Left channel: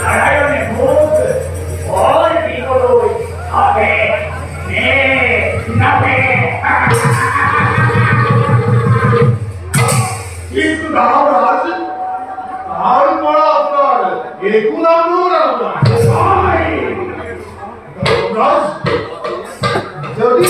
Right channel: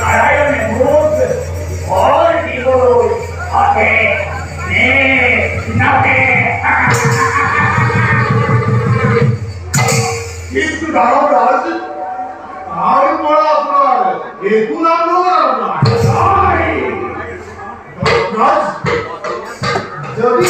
নারায়ণের মুখ ওর দিগলই থাকে কিন্তু ধর্মরাজ তারপর আপনার এখন ধর্মরাজ যদি